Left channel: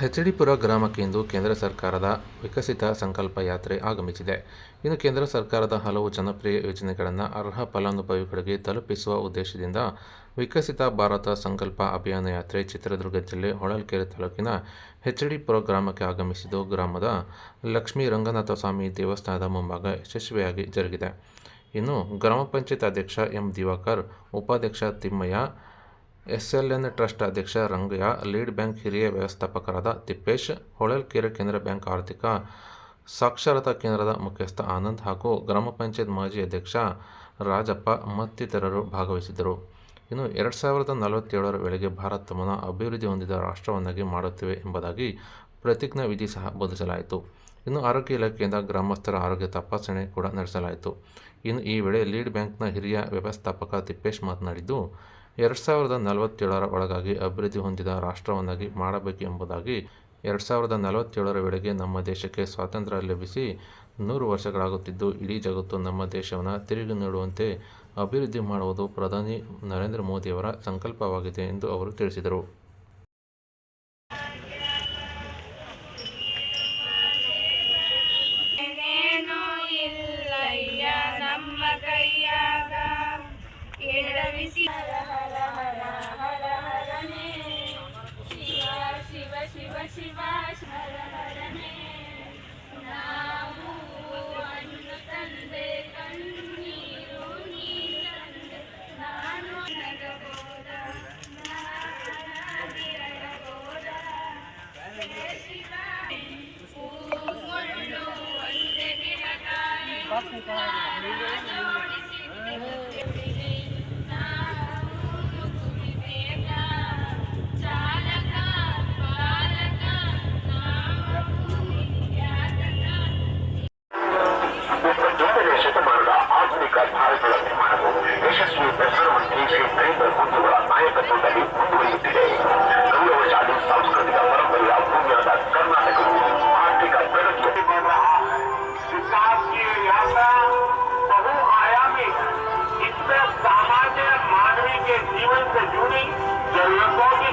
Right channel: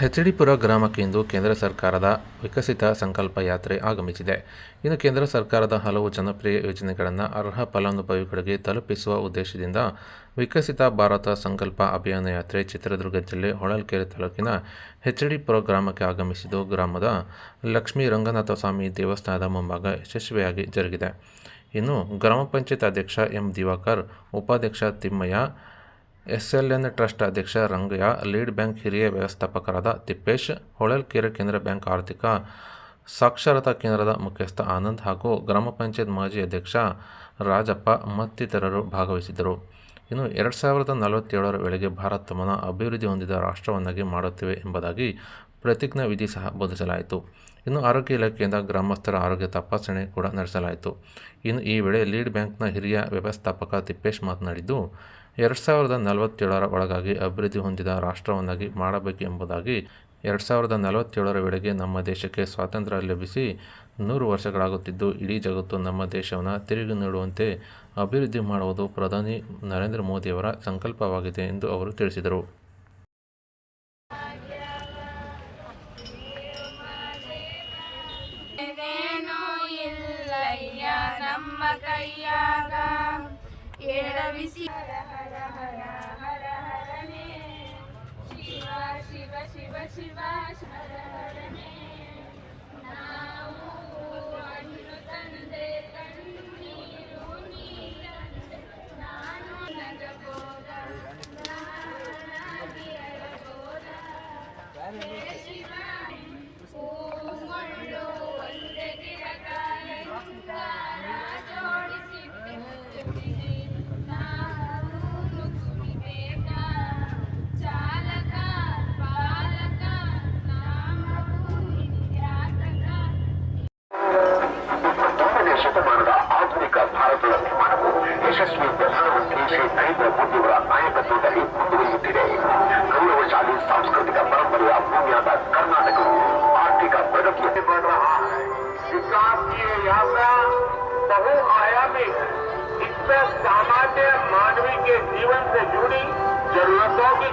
ಹೆಚ್ಡಿಪುರ ಗ್ರಾಮಕ್ಕೆ ಇಂದು ಕೇಂದ್ರ ಸರ್ಕಾರದ ವಿಕಸಿತ ಸಂಕಲ್ಪ ಯಾತ್ರೆ ಆಗಮಿಸಿದೆ. ಇನ್ನು ಕೇಂದ್ರ ಸರ್ಕಾರದ ಹಲವು ಜನಪ್ರಿಯ ಯೋಜನೆಗಳನ್ನು ಅರ್ಹ ಫಲಾನುಭವಿಗಳಿಗೆ ತಲುಪಿಸುವ ಉದ್ದೇಶದಿಂದ ವಿಕಸಿತ ಭಾರತ ಸಂಕಲ್ಪ ಅಭಿಯಾನ ಯಾತ್ರೆ ಚಿತ್ರದುರ್ಗ ಜಿಲ್ಲೆ ಹೊಳಲ್ಕೆರೆ ತಾಲೂಕಿನ ಹೆಚ್ಡಿಪುರ ಗ್ರಾಮಕ್ಕೆ ಆಗಮಿಸಿದ್ದು, ಗ್ರಾಮದ ಲಕ್ಷ್ಮೀ ರಂಗನಾಥ ಸ್ವಾಮಿ ದೇವಸ್ಥಾನದ ಮುಂಭಾಗ ಯಶಸ್ವಿಯಾಗಿ ಜರುಗಿದೆ. ಇನ್ನು ಗ್ರಾಮ ಪಂಚಾಯತ್ ಅಧ್ಯಕ್ಷ ಎಂ ದಿವಾಕರ್, ಉಪಾಧ್ಯಕ್ಷ ತಿಮ್ಮಯ್ಯ, ಎಸ್ಎಲ್ಎನ್ ಟ್ರಸ್ಟ್ ಅಧ್ಯಕ್ಷ ರಂಗಯ್ಯ, ಲೀಡ್ ಬ್ಯಾಂಕ್ ಹಿರಿಯ ವ್ಯವಸ್ಥಾಪಕರಾದ ತಿಪ್ಪೇಶ್, ಹೊಳಲ್ಕೆರೆ ಕೇಂದ್ರ ಬ್ಯಾಂಕ್ ಆರ್ಥಿಕ ಸಾಕ್ಷರತಾ ಕೇಂದ್ರದ ಮುಖ್ಯಸ್ಥ ಆನಂದ್ ಹಾಗೂ ಗ್ರಾಮ ಪಂಚಾಯತ್ ಮಾಜಿ ಅಧ್ಯಕ್ಷ ರಾಜಪ್ಪ ಮತ್ತಿತರರು ಭಾಗವಹಿಸಿದ್ದರು. ಇನ್ನು 2047ರ ವೇಳೆಗೆ ಭಾರತವನ್ನು ಅಭಿವೃದ್ಧಿ ಹೊಂದಿದ ರಾಷ್ಟ್ರವನ್ನಾಗಿ ಮಾಡುತ್ತೇವೆ ಎಂಬುದಾಗಿ ಪ್ರತಿಜ್ಞಾ ವಿಧಿ ಸಹ ಬೋಧಿಸಲಾಯಿತು. ಇನ್ನು ಆರೋಗ್ಯ ಇಲಾಖೆಯಿಂದ ಗ್ರಾಮಸ್ಥರ ಆರೋಗ್ಯ ತಪಾಸಣೆ ಕೂಡ ನಡೆಸಲಾಯಿತು. ಇನ್ನು ಈ ವೇಳೆ ಲೀಡ್ ಬ್ಯಾಂಕ್ನ ಹಿರಿಯ ವ್ಯವಸ್ಥಾಪಕ ತಿಪ್ಪೇಶ್ ಮಾತನಾಡಿದ್ದು, 2047ರ ಒಳಗಾಗಿ ಅಭಿವೃದ್ಧಿ ಹೊಂದಿದ ರಾಷ್ಟ್ರವನ್ನಾಗಿ ಮಾಡಬೇಕು ಎಂಬುದಾಗಿ 2047ರ ವೇಳೆಗೆ ನಮ್ಮ ದೇಶಕ್ಕೆ ಸ್ವಾತಂತ್ರ್ಯ ಲಭಿಸಿ 100 ವರ್ಷಗಳಾಗುತ್ತಿದ್ದು, ಇಡೀ ಜಗತ್ತು ನಮ್ಮ ದೇಶವನ್ನು ತಿರುಗಿ ನೋಡುವಂತೆ ಅಭಿವೃದ್ಧಿ ಮಾಡುವುದು ಪ್ರಧಾನಿ ನರೇಂದ್ರ ಮೋದಿಯವರ ಸಂಕಲ್ಪವಾಗಿದೆ ಎಂದು ಅವರು ತಿಳಿಸಿದರು. ಶತಮಾನದ ಆಧುನಿಕ ಭಾರತದ ನಿರ್ಮಾಣವು ಯಶಸ್ವಿ ಪ್ರಧಾನಮಂತ್ರಿ ಶ್ರೀ ನರೇಂದ್ರ ಮೋದಿಯವರ ನಾಯಕತ್ವದಲ್ಲಿ ಮುಂದುವರಿಯುತ್ತಿದೆ. ಗೌರವಶಾಲಿ ಸಾಂಸ್ಕೃತಿಕ ಪರಂಪರೆಯ ಭೂಮಿಯಾದ ಕರ್ನಾಟಕವು ಆರ್ಥಿಕ ಪ್ರಗತಿಯ विकास की यात्रा बहुआयामी इसमें सामान्य मानवी के जीवन से जुड़ी जरूरतों की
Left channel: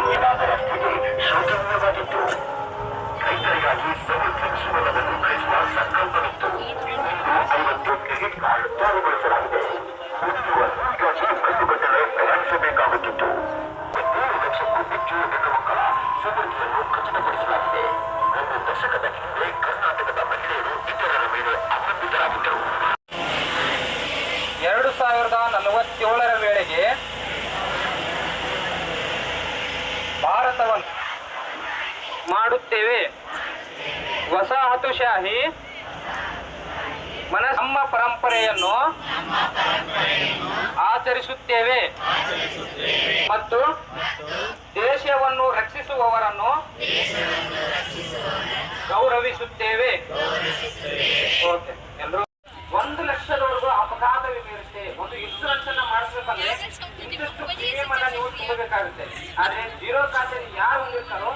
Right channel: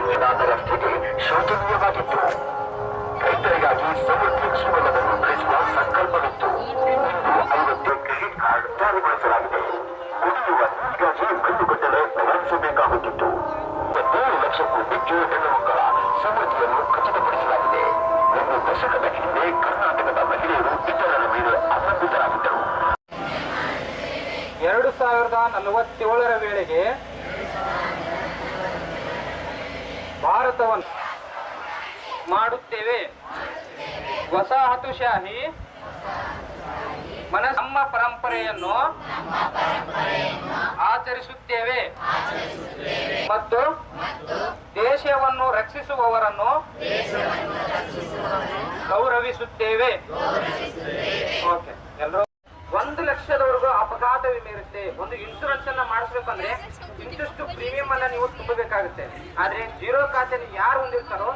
ಸ್ಥಿತಿ ಶೋಚನೀಯವಾಗಿತ್ತು. ರೈತರಿಗಾಗಿ ಸಮೃದ್ಧಿಸುವುದನ್ನು ಬೆಳೆಸುವ ಸಂಕಲ್ಪವಿತ್ತು. ಇಂದು 50 ಕ್ರೆಡಿಟ್ ಕಾರ್ಡ್ ಜಾರಿಗೊಳಿಸಲಾಗಿದೆ. ಉಳಿದು ಪ್ರತಿಬದ್ಧತೆ ನಡೆಸಬೇಕಾಗುತ್ತಿತ್ತು. 3 ಲಕ್ಷಕ್ಕೂ ಹೆಚ್ಚು ಹೆಣ್ಣು ಮಕ್ಕಳ ಸಮೃದ್ಧಿಯನ್ನು ಖಚಿತಪಡಿಸಲಾಗಿದೆ. 1 ದಶಕದ ಹಿಂದೆ ಕರ್ನಾಟಕದ ಮಹಿಳೆಯರು ಇತರರ ಮೇಲೆ ಅವಲಂಬಿತರಾಗಿದ್ದರು. 2047ರ ವೇಳೆಗೆ ಭಾರತವನ್ನು ಮಾಡುತ್ತೇವೆ. ವಸಾಹತುಶಾಹಿ ನಮ್ಮ ಪರಂಪರೆಯನ್ನು ಆಚರಿಸುತ್ತೇವೆ ಮತ್ತು ದೇಶವನ್ನು ರಕ್ಷಿಸುವವರನ್ನು ಗೌರವಿಸುತ್ತೇವೆ. ಓಕೆ, ಎಲ್ಲರೂ 1 ಲಕ್ಷದವರೆಗೂ ಅಪಘಾತ ವಿಮೆ ಇರುತ್ತೆ. ಒಂದು ಇನ್ಶೂರೆನ್ಸ್ ಅನ್ನ ಮಾಡಿಸ್ಬೇಕಂದ್ರೆ ಇಂಟಷ್ಟು ಪ್ರೀಮಿಯಂ ಅನ್ನ ನೀವು ತುಂಬಬೇಕಾಗುತ್ತೆ. ಆದ್ರೆ ಜೀರೋ ಖಾತೆ ಯಾರು ಹೊಂದಿರ್ತಾರೋ